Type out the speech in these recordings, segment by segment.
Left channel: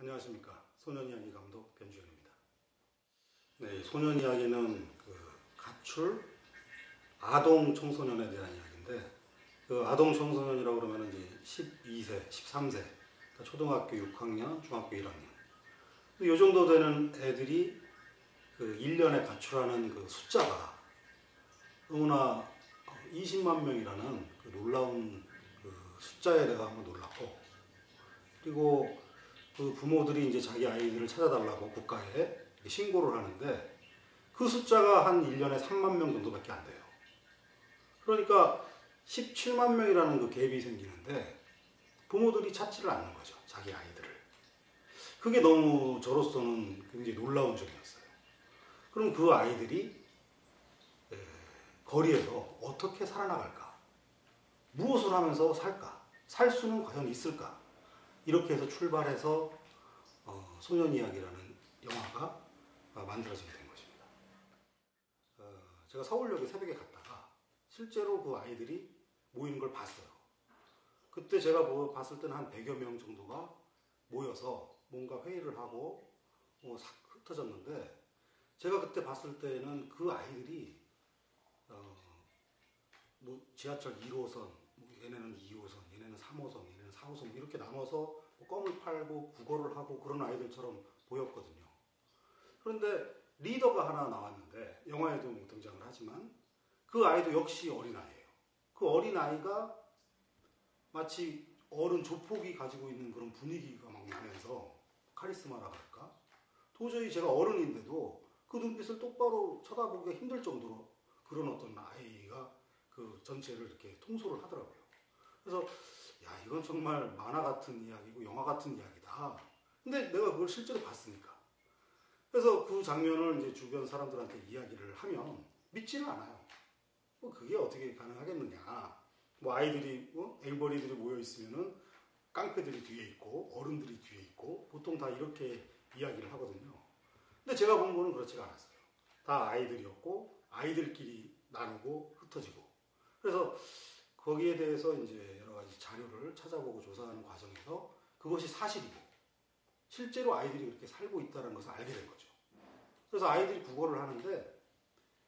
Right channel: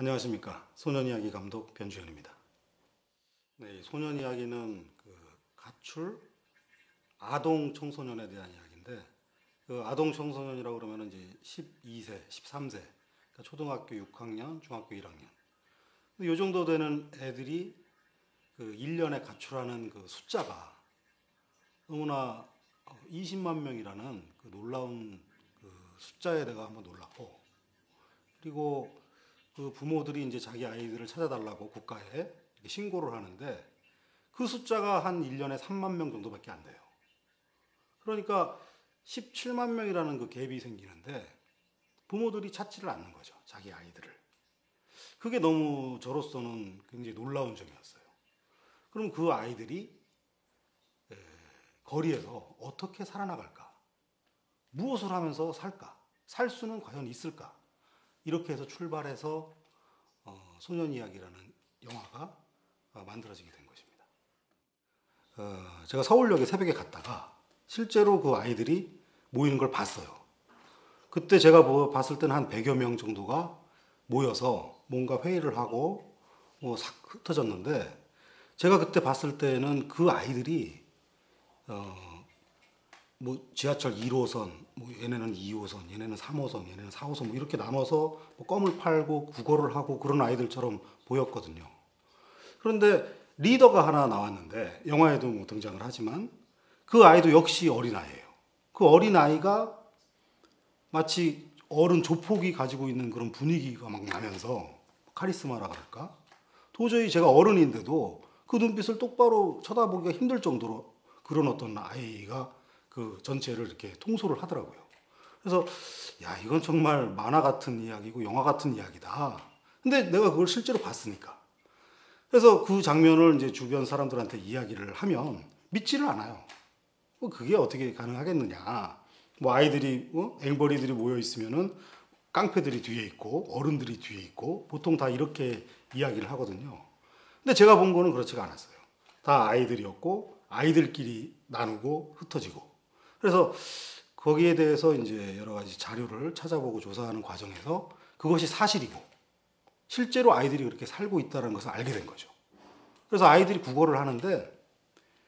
안녕하십니까. 소년이야기 감독 변주현입니다. 네, 소년이야기는 가출 아동 청소년에 대한 이야기인데, 아동 청소년이라고 그러면 이제 12세, 13세, 그러니까 초등학교 6학년, 중학교 1학년. 이 정도 되는 애들이 1년에 가출하는 숫자가 너무나 20만 명이라는 놀라운 숫자에 내가 한번 놀랐고, 그리고 부모들이 이제 자기 아이들을 찾아달라고 국가에 신고를 하는데 그 숫자가 한 1년에 3만 명 정도밖에 안 돼요. 그러니까 17만 명이라는 갭이 생기는데 부모들이 찾지를 않는 거죠. 자기 아이들을. 그게 너무 저로서는 굉장히 놀라운 점이었어요. 그럼 그 아이들이 거리에서 어떻게 살아나갈까? 무엇을 하면서 살까? 살 수는 과연 있을까? 이렇게 해서 출발해서 소년이야기라는 영화가 만들어지게 된 것입니다. 제가 서울역에 새벽에 갔다가 실제로 그 아이들이 모이는 걸 봤어요. 그때 제가 봤을 때는 한 100여 명 정도가 모여서 뭔가 회의를 하고 싹 흩어졌는데, 제가 그때 봤을 때는 그 아이들이 지하철 1호선, 얘네는 2호선, 얘네는 3호선, 얘네는 4호선 이렇게 나눠서 껌을 팔고 국어를 하고 그런 아이들처럼 보였거든요. 그런데 리더가 하나 나왔는데, 영화에도 등장을 하지만 그 아이도 역시 어린아이예요. 그 어린아이가 마치 어른 조폭이 가지고 있는 그런 분위기가 막 나면서, 카리스마라 그럴까? 도저히 제가 어른인데도 그 눈빛을 똑바로 쳐다보기가 힘들 정도로 그런 어떤 아이가 그 전체를 이렇게 통솔을 하더라고요. 그래서 야, 이건 정말 만화 같은 이야기고 영화 같은 이야기다. 근데 내가 그걸 실제로 봤으니까. 그래서 그 장면을 이제 주변 사람들한테 이야기를 하면 믿지를 않아요. 그게 어떻게 가능하겠느냐. 아이들이 앵벌이들이 모여 있으면은 깡패들이 뒤에 있고 어른들이 뒤에 있고 보통 다 이렇게 이야기를 하거든요. 근데 제가 본 거는 그렇지가 않았어요. 다 아이들이었고 아이들끼리 나누고 흩어지고. 그래서 거기에 대해서 이제 여러 가지 자료를 찾아보고 조사하는 과정에서 그것이 사실이고 실제로 아이들이 그렇게 살고 있다는 것을 알게 된 거죠. 그래서 아이들이 국어를 하는데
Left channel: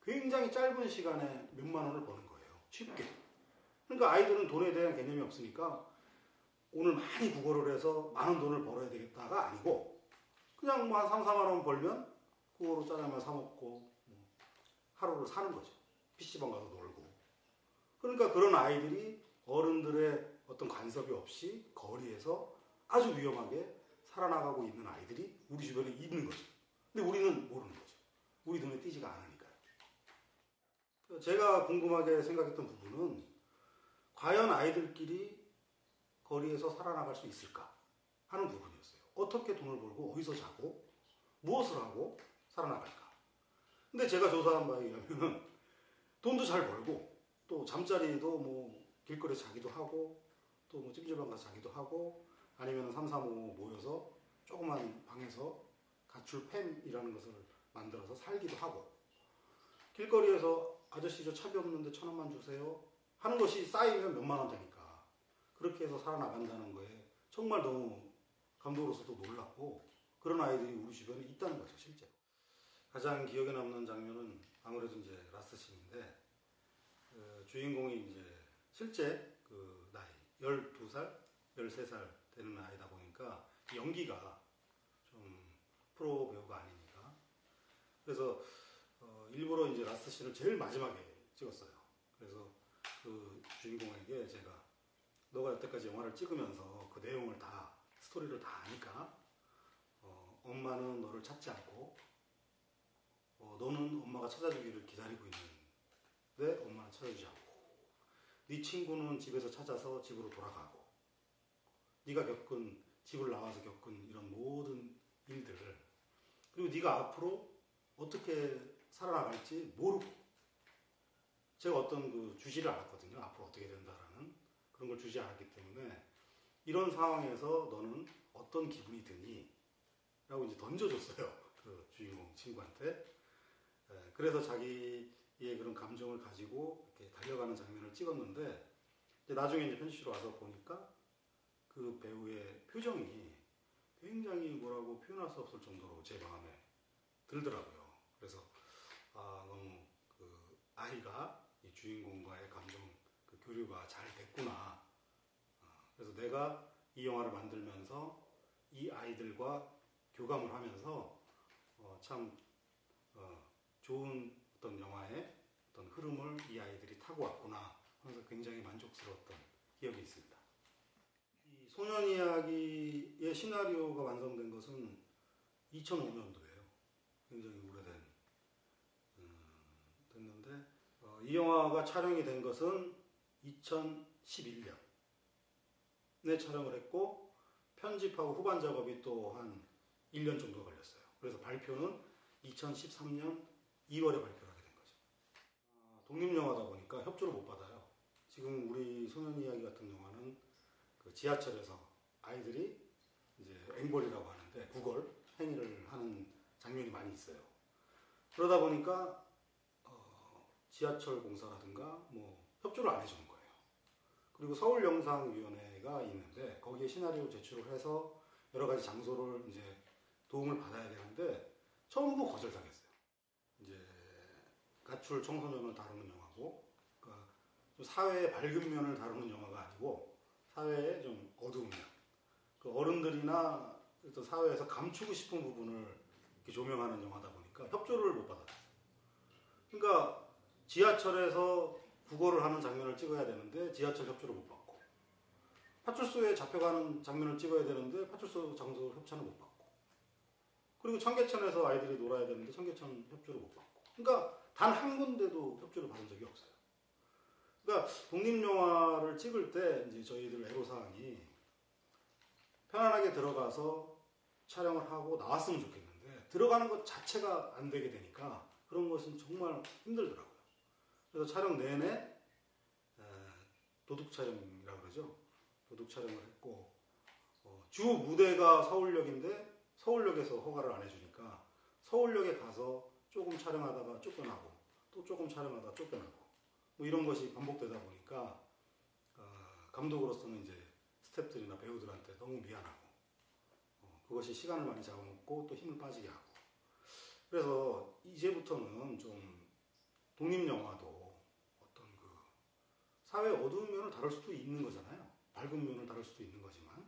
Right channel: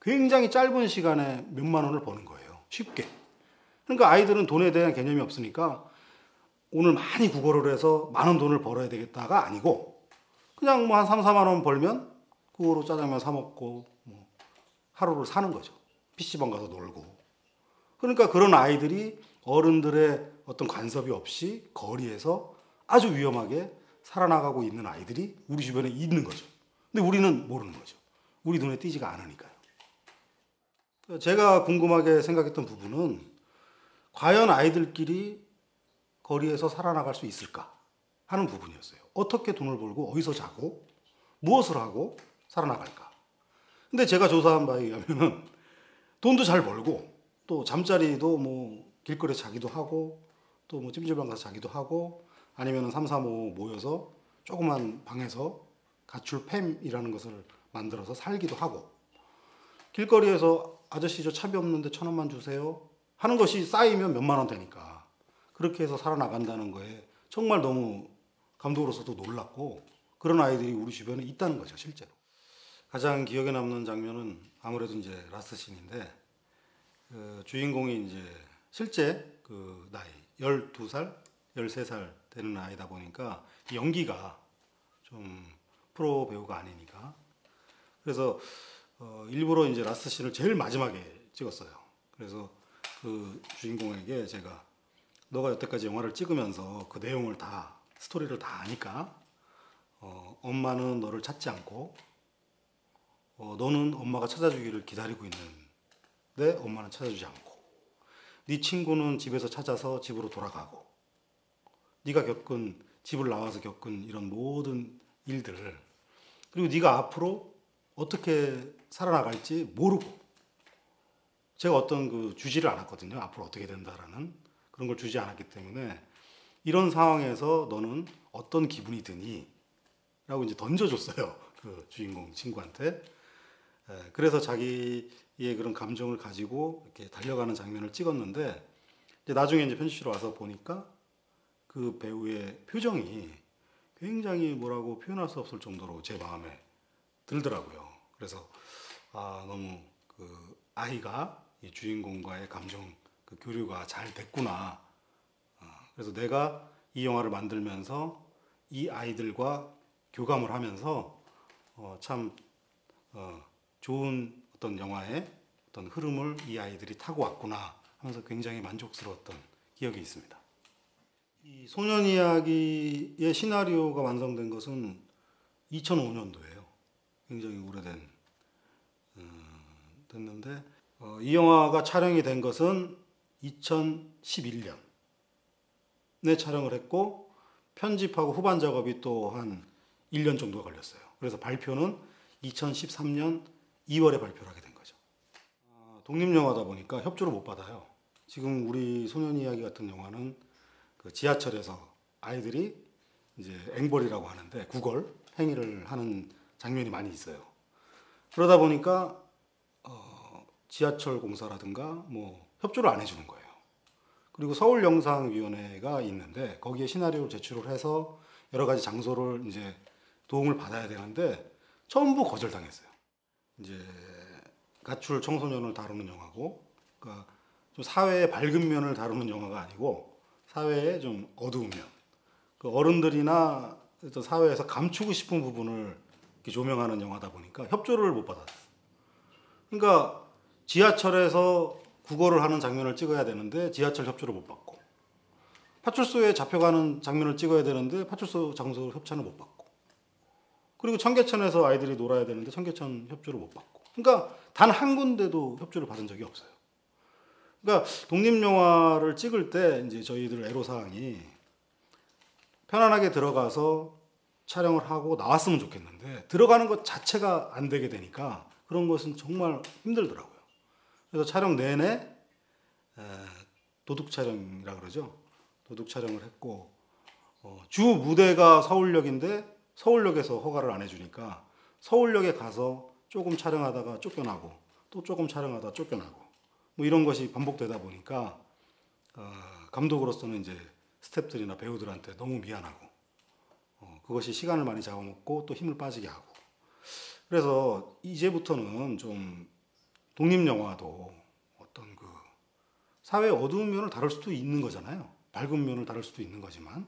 굉장히 짧은 시간에 몇만 원을 버는 거예요. 쉽게. 그러니까 아이들은 돈에 대한 개념이 없으니까 오늘 많이 국어를 해서 많은 돈을 벌어야 되겠다가 아니고 그냥 한 3, 4만 원 벌면 그거로 짜장면 사 먹고 하루를 사는 거죠. PC방 가서 놀고. 그러니까 그런 아이들이 어른들의 어떤 간섭이 없이 거리에서 아주 위험하게 살아나가고 있는 아이들이 우리 주변에 있는 거죠. 근데 우리는 모르는 거죠. 우리 눈에 띄지가 않으니까요. 제가 궁금하게 생각했던 부분은 과연 아이들끼리 거리에서 살아나갈 수 있을까 하는 부분이었어요. 어떻게 돈을 벌고 어디서 자고 무엇을 하고 살아나갈까. 근데 제가 조사한 바에 의하면 돈도 잘 벌고 또 잠자리도 길거리에 자기도 하고 또 찜질방 가서 자기도 하고 아니면 3, 4, 5 모여서 조그만 방에서 가출팸이라는 것을 만들어서 살기도 하고, 길거리에서 아저씨 저 차비 없는데 1,000원만 주세요 하는 것이 쌓이면 몇만 원 되니까 그렇게 해서 살아나간다는 거에 정말 너무 감독으로서도 놀랐고, 그런 아이들이 우리 주변에 있다는 거죠. 실제로 가장 기억에 남는 장면은 아무래도 이제 라스트 씬인데, 주인공이 이제 실제 그 나이 12살, 13살 되는 아이다 보니까 연기가 좀 프로 배우가 아니니까, 그래서 일부러 이제 라스트 씬을 제일 마지막에 찍었어요. 그래서 그 주인공에게 제가 너가 여태까지 영화를 찍으면서 그 내용을 다 스토리를 다 아니까 엄마는 너를 찾지 않고 너는 엄마가 찾아주기를 기다리고 있는데 엄마는 찾아주지 않고, 네 친구는 집에서 찾아서 집으로 돌아가고, 네가 겪은 집을 나와서 겪은 이런 모든 일들을, 그리고 네가 앞으로 어떻게 살아나갈지 모르고, 제가 어떤 주지를 않았거든요. 앞으로 어떻게 된다라는 그런 걸 주지 않았기 때문에 이런 상황에서 너는 어떤 기분이 드니? 라고 이제 던져줬어요. 그 주인공 친구한테. 그래서 자기의 그런 감정을 가지고 이렇게 달려가는 장면을 찍었는데, 이제 나중에 이제 편집실에 와서 보니까 그 배우의 표정이 굉장히 뭐라고 표현할 수 없을 정도로 제 마음에 들더라고요. 그래서 너무 그 아이가 이 주인공과의 감정 그 교류가 잘 됐구나. 그래서 내가 이 영화를 만들면서 이 아이들과 교감을 하면서 참 좋은 어떤 영화의 어떤 흐름을 이 아이들이 타고 왔구나 하면서 굉장히 만족스러웠던 기억이 있습니다. 이 소년 이야기의 시나리오가 완성된 것은 2005년도예요. 굉장히 오래된 됐는데 이 영화가 촬영이 된 것은 2011년에 촬영을 했고 편집하고 후반 작업이 또 한 1년 정도가 걸렸어요. 그래서 발표는 2013년 2월에 발표를 하게 된 거죠. 독립영화다 보니까 협조를 못 받아요. 지금 우리 소년 이야기 같은 영화는 그 지하철에서 아이들이 이제 앵벌이라고 하는데 구걸 행위를 하는 장면이 많이 있어요. 그러다 보니까 지하철 공사라든가 뭐 협조를 안 해주는 거예요. 그리고 서울영상위원회가 있는데 거기에 시나리오를 제출을 해서 여러 가지 장소를 이제 도움을 받아야 되는데 전부 거절당했어요. 이제 가출 청소년을 다루는 영화고, 그러니까 좀 사회의 밝은 면을 다루는 영화가 아니고 사회의 좀 어두운 면, 그 어른들이나 어떤 사회에서 감추고 싶은 부분을 이렇게 조명하는 영화다 보니까 협조를 못 받았어요. 그러니까 지하철에서 구걸을 하는 장면을 찍어야 되는데 지하철 협조를 못 받고, 파출소에 잡혀가는 장면을 찍어야 되는데 파출소 장소 협찬을 못 받고, 그리고 청계천에서 아이들이 놀아야 되는데 청계천 협조를 못 받고, 그러니까 단 한 군데도 협조를 받은 적이 없어요. 그러니까 독립영화를 찍을 때 이제 저희들 애로사항이 편안하게 들어가서 촬영을 하고 나왔으면 좋겠는데 들어가는 것 자체가 안 되게 되니까 그런 것은 정말 힘들더라고요. 그래서 촬영 내내 도둑 촬영이라 그러죠. 도둑 촬영을 했고 주 무대가 서울역인데 서울역에서 허가를 안 해주니까 서울역에 가서 조금 촬영하다가 쫓겨나고 또 조금 촬영하다가 쫓겨나고 뭐 이런 것이 반복되다 보니까 감독으로서는 이제 스태프들이나 배우들한테 너무 미안하고 그것이 시간을 많이 잡아먹고 또 힘을 빠지게 하고, 그래서 이제부터는 좀 독립영화도 어떤 그 사회의 어두운 면을 다룰 수도 있는 거잖아요. 밝은 면을 다룰 수도 있는 거지만,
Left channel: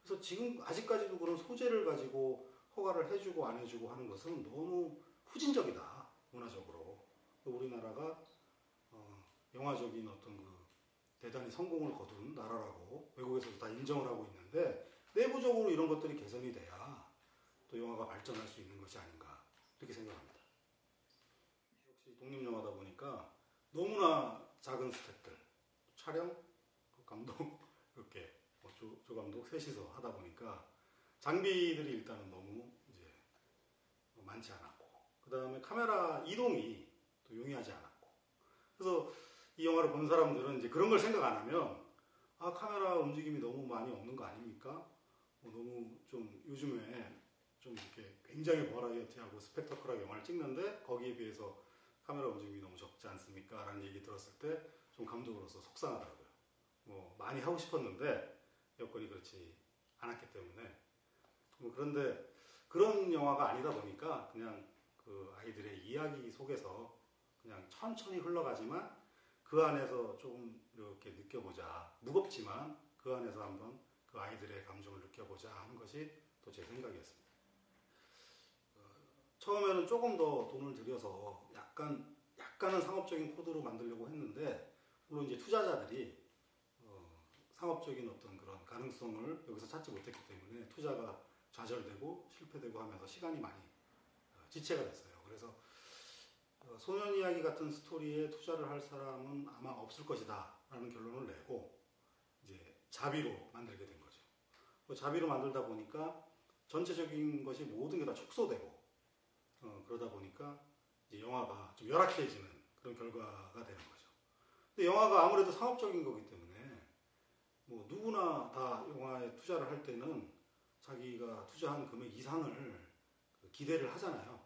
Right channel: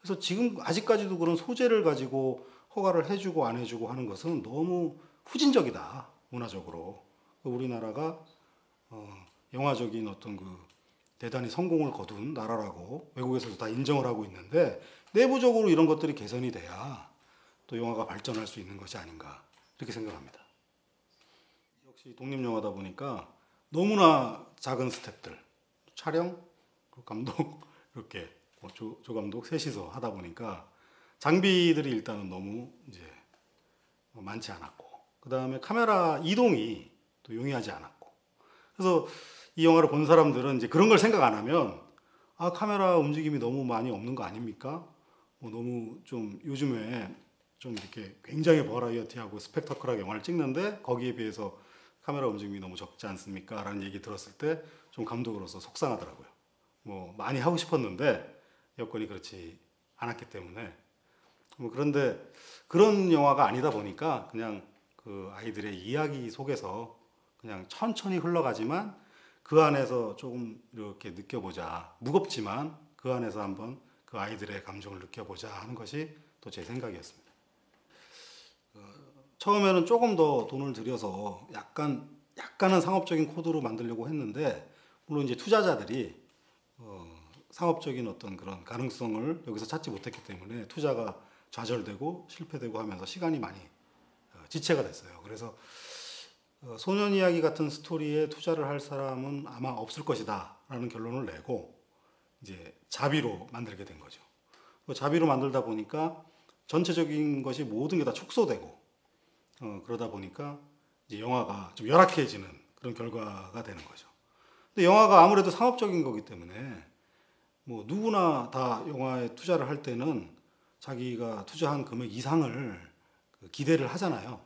그래서 지금 아직까지도 그런 소재를 가지고 허가를 해주고 안 해주고 하는 것은 너무 후진적이다, 문화적으로. 우리나라가 영화적인 어떤 그 대단히 성공을 거둔 나라라고 외국에서도 다 인정을 하고 있는데 내부적으로 이런 것들이 개선이 돼야 또 영화가 발전할 수 있는 것이 아닌가 이렇게 생각합니다. 역시 독립영화다 보니까 너무나 작은 스태프들, 촬영, 감독 이렇게 조 감독 셋이서 하다 보니까 장비들이 일단은 너무 이제 많지 않았고, 그 다음에 카메라 이동이 또 용이하지 않았고, 그래서 이 영화를 본 사람들은 이제 그런 걸 생각 안 하면 카메라 움직임이 너무 많이 없는 거 아닙니까? 너무 좀 요즘에 좀 이렇게 굉장히 버라이어티하고 스펙터클하게 영화를 찍는데 거기에 비해서 카메라 움직임이 너무 적지 않습니까? 라는 얘기 들었을 때 좀 감독으로서 속상하더라고요. 뭐 많이 하고 싶었는데 여건이 그렇지 않았기 때문에. 그런데 그런 영화가 아니다 보니까 그냥 그 아이들의 이야기 속에서 그냥 천천히 흘러가지만 그 안에서 조금 이렇게 느껴보자, 무겁지만 그 안에서 한번 그 아이들의 감정을 느껴보자 하는 것이 또 제 생각이었습니다. 처음에는 조금 더 돈을 들여서 약간은 상업적인 코드로 만들려고 했는데, 물론 이제 투자자들이 상업적인 어떤 그런 가능성을 여기서 찾지 못했기 때문에 투자가 좌절되고 실패되고 하면서 시간이 많이 지체가 됐어요. 그래서 소년 이야기 같은 스토리에 투자를 할 사람은 아마 없을 것이다 라는 결론을 내고 이제 자비로 만들게 된 거죠. 자비로 만들다 보니까 전체적인 것이 모든 게 다 축소되고 그러다 보니까 이제 영화가 좀 열악해지는 그런 결과가 되는 거죠. 근데 영화가 아무래도 상업적인 거기 때문에 뭐 누구나 다 영화에 투자를 할 때는 자기가 투자한 금액 이상을 기대를 하잖아요.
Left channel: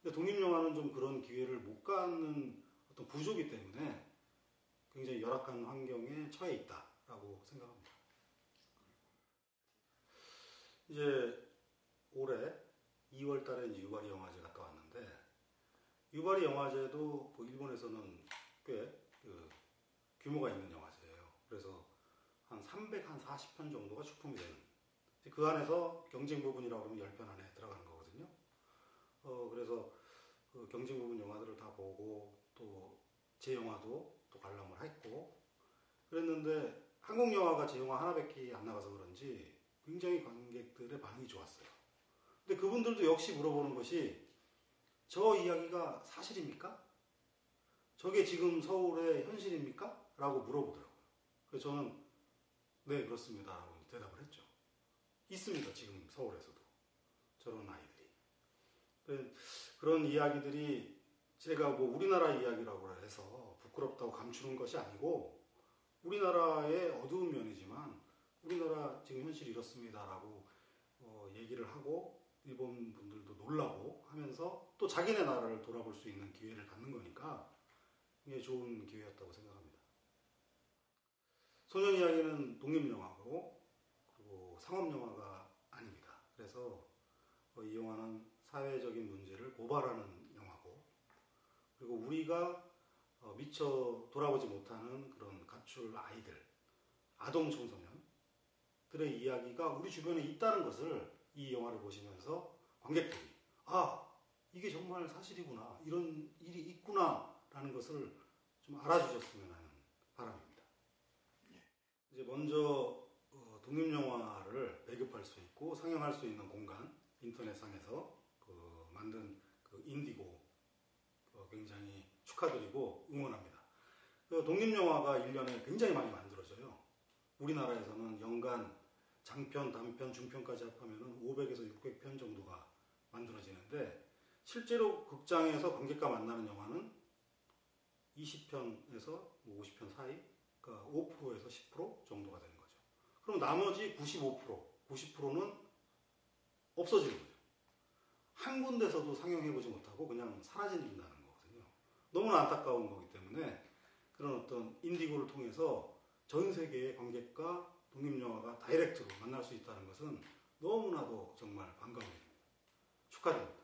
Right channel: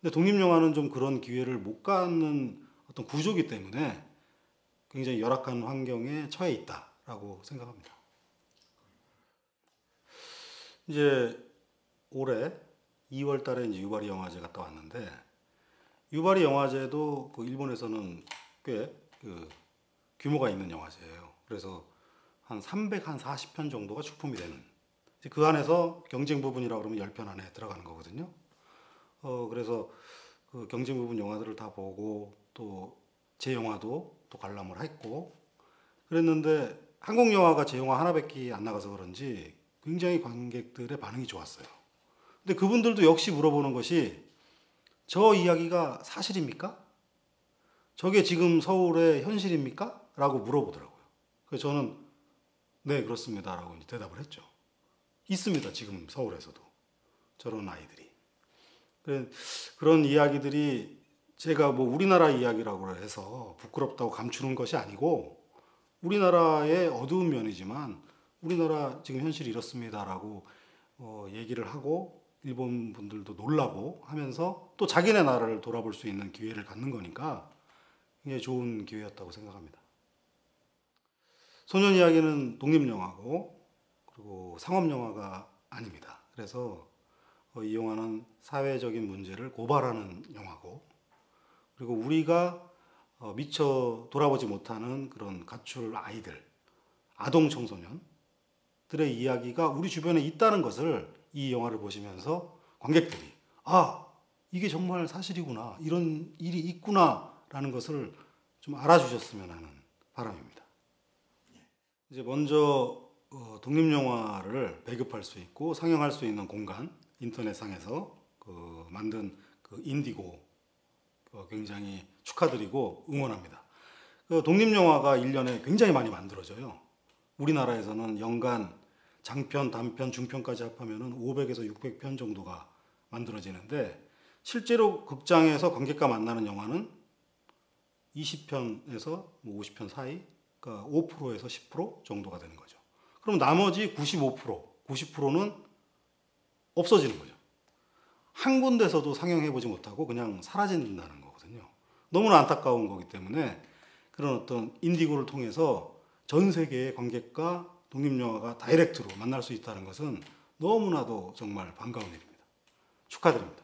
근데 독립영화는 좀 그런 기회를 못 갖는 어떤 구조이기 때문에 굉장히 열악한 환경에 처해 있다라고 생각합니다. 이제 올해 2월 달에 이제 유바리 영화제 갔다 왔는데, 유바리 영화제도 그 일본에서는 꽤 그 규모가 있는 영화제예요. 그래서 한 340편 정도가出품이 되는, 그 안에서 경쟁 부분이라고 그러면 10편 안에 들어가는 거거든요. 그래서 그 경쟁 부분 영화들을 다 보고 또 제 영화도 또 관람을 했고 그랬는데, 한국 영화가 제 영화 하나밖에 안 나가서 그런지 굉장히 관객들의 반응이 좋았어요. 근데 그분들도 역시 물어보는 것이, 저 이야기가 사실입니까? 저게 지금 서울의 현실입니까? 라고 물어보더라고요. 그래서 저는 네, 그렇습니다 라고 대답을 했죠. 있습니다, 지금 서울에서도 저런 아이들이. 그런 이야기들이 제가 뭐 우리나라 이야기라고 해서 부끄럽다고 감추는 것이 아니고, 우리나라의 어두운 면이지만 우리나라 지금 현실이 이렇습니다라고 얘기를 하고 일본 분들도 놀라고 하면서 또 자기네 나라를 돌아볼 수 있는 기회를 갖는 거니까 굉장히 좋은 기회였다고 생각합니다. 소년 이야기는 독립영화고 그리고 상업영화가 아닙니다. 그래서 이 영화는 사회적인 문제를 고발하는 영화고, 그리고 우리가 미처 돌아보지 못하는 그런 가출 아이들, 아동 청소년들의 이야기가 우리 주변에 있다는 것을 이 영화를 보시면서 관객들이, 아, 이게 정말 사실이구나, 이런 일이 있구나라는 것을 좀 알아주셨으면 하는 바람입니다. 이제 먼저 독립영화를 배급할 수 있고 상영할 수 있는 공간, 인터넷상에서 만든 그 인디고 굉장히 축하드리고 응원합니다. 독립영화가 1년에 굉장히 많이 만들어져요. 우리나라에서는 연간 장편, 단편, 중편까지 합하면 500에서 600편 정도가 만들어지는데, 실제로 극장에서 관객과 만나는 영화는 20편에서 50편 사이, 그러니까 5%에서 10% 정도가 되는 거죠. 그럼 나머지 95%, 90%는 없어지는 거죠. 한 군데서도 상영해보지 못하고 그냥 사라진다는 거거든요. 너무나 안타까운 거기 때문에 그런 어떤 인디고를 통해서 전 세계의 관객과 독립영화가 다이렉트로 만날 수 있다는 것은 너무나도 정말 반가운 일입니다. 축하드립니다.